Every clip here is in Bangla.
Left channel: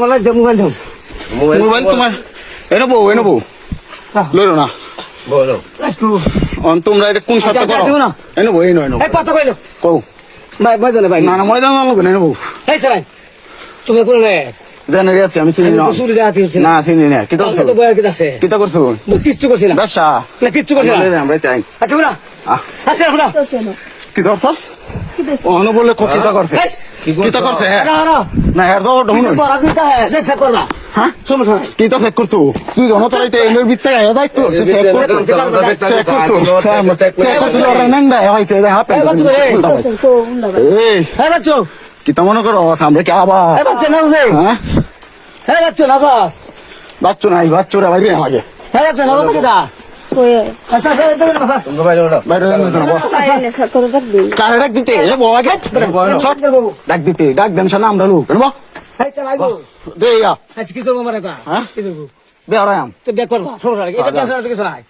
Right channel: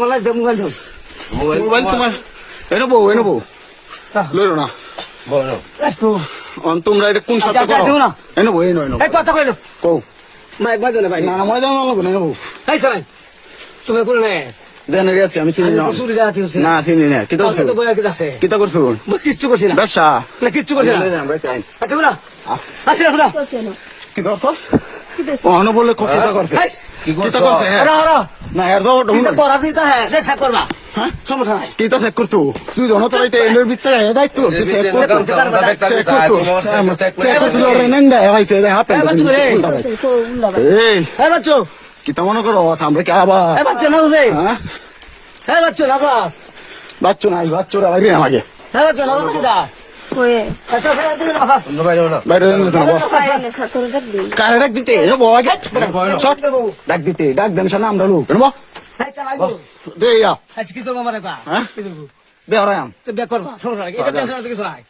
মোবাইল তোমার এনে বউ লইলো না তোমরা এটা কোন সাথে করো এনে বউ এনে কথা কইলো কও ভাই ময়দানে ভাই না ময়দান লাগবে না এনে বউ এই সারাই তুমি কোন নে জানে গেছি আমি চিনি না শুরু জাতি হচ্ছে না চিনি না কিতা করছো তো বয়া কিতা আছে কিতা করছো কিচ্ছু করছি না ব্যবসা না কিচ্ছু করছি না আমরা তাই আচ্ছা না আচ্ছা না কি করছস মনে বলে কিতা করছে কিতা করছে না এর দাও ঢুন তোরা দুইটা চেক কর না হ্যাঁ সমস্যা নাই কিতা চেক করতো তুই জন তোর এই এর ভিতরে এ দায়িত্ব চেক করতো চেক করতো ওরা নন্দা হইছে এটা হাতে এই হ্যাঁ বাচ্চো কিতা মনে করো আমরা কি আবার হ্যাঁ বাচ্চো না রে হ্যাঁ হ্যাঁ বাচ্চো না বাস বাচ্চা নাই বাচ্চারা বাইরে না আগে হ্যাঁ বাচ্চো না কিটা আচ্ছা বাইরে কার ডাক দিতে এ বউ আগে ডাক দিতে ডাক দেন শোনা আমরা লোক এনবো দে ইয়া আচ্ছা কিছু মামা রে হ্যাঁ কিছু বেহরাম তো বেক করবা সমস্যা নাই এটা টেনশন কিছু নাই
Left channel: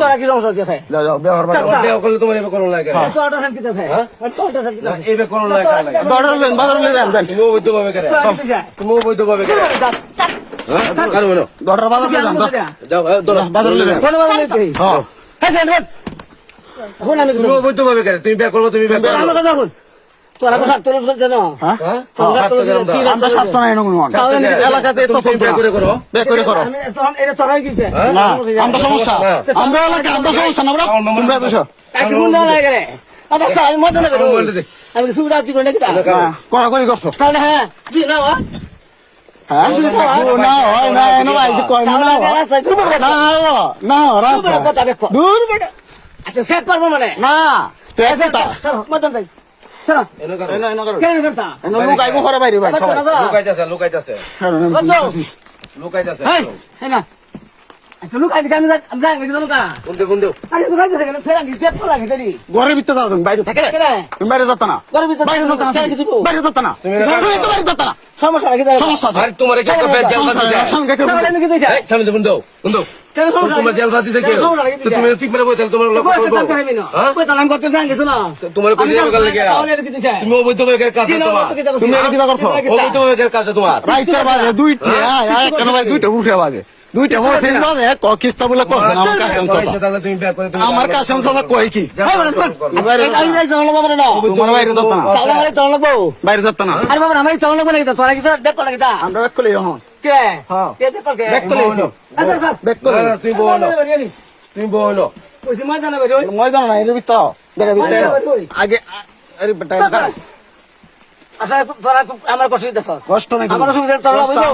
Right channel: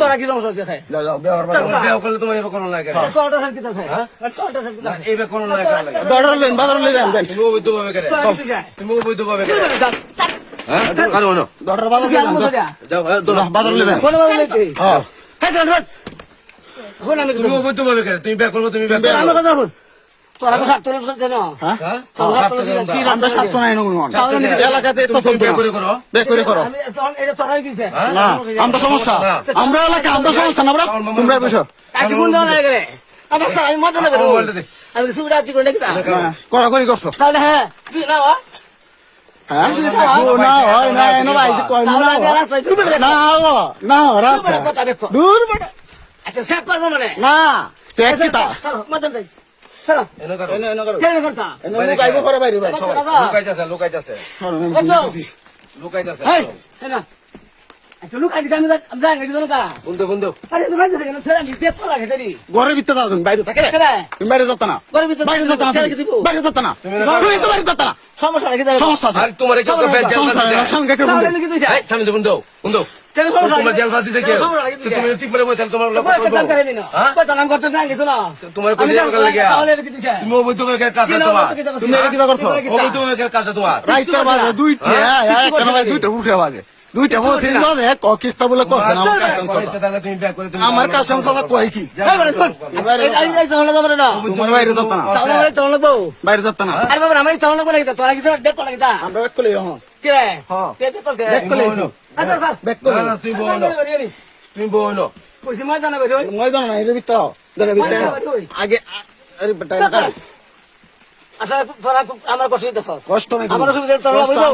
তোরা কি সমস্যা আছে যাও যাও বেহর বেও করলে তোমার এবে করো লাগে তো অটো হেল্প কিতা আছে তো অটো হেল্প কিতা এবে করো লাগে বাজার লেন দেন তুমি বৈধ ভাবে করে তুমি বৈধ ভাবে করে হ্যাঁ আরে বলো ডর বাজার লেন দাও যাও বাজার লে কোন বাবা নেই হ্যাঁ হ্যাঁ স্যার কোন আমি তুমি বৈধ ভাবে করে তুমি বে করবে তুমি বে করো আমি কথা শুন তোরা কি সব তোর শুনছ না হ্যাঁ আমরা আমরা সাতটা নাই না এলাকাতে তো চলতে করে করো বে করে করো আমি তখন এটা তোরাই কিছে না আমরা সমস্যা আমরা এলাকা আমরা সমস্যা না বড় তোমরা বুঝো আজকে মুন্ডা না গেলে আরে স্যার আমি মত না বেরো আমি সুবিধা দি করে কিতা করা করি করছো তাহলে হ্যাঁ দি না ওয়া হ্যাঁ না হয় না এনো ভাই কই না না রাস্তা দূর বেটা আচ্ছা সেট করব মানে না চেক তা মত দেই চলো এনো করো এনো করো কেন করতা এনো লোক আইবো করে বাইরে ভাই সবাই লুকাইতাছে লুকাইতাছে হ্যাঁ না আচ্ছা লোক আজকে আমি যাই গেল না বন্ধু আরে লোক আজকে গেল স্যার আমি পেট তো লাগে দেরি ঘরের ভিতরে যাও বাইরে থাকে তুমি বাইরে যেত না ঘরের ভিতরে বাইরে যেত না বাইরে যেত না বাইরে যেত না সমস্যা লাগে সমস্যা আছে আর তোমার কি একটা বেদ জাল দিছে সঙ্গে কেউ তাহলে আমি কি দইছি এই সামনে বন্ধু তোমার জাল দিছে কি তুমি ঠিক করে বইতাল তোমার লোক তোমার কইছে কথা লাগিয়া তুমি বৈধ ভাবে কাজ তোমার তুমি এটা কিটা করছো বৈধ ভাবে কাজ তোমার রাইতের বাজে দুইটা কেন ভাই দুইটা উঠে বাজে দুইটা বলছি বাজে কিস্তা বলে করছে না আমার কাছে তাহলে তুমি বে করে আমার কাছে কই কি তোমার বাইরে যেত না বাইরে যেত না আমরা এক কলি এখন ব্যাক করে তুমি বলো ময়দান না এর ভিতর দেখে ভিতরে আগে আরে বেটা আচ্ছা আমার কষ্ট কষ্ট নাই আমার অসুবিধা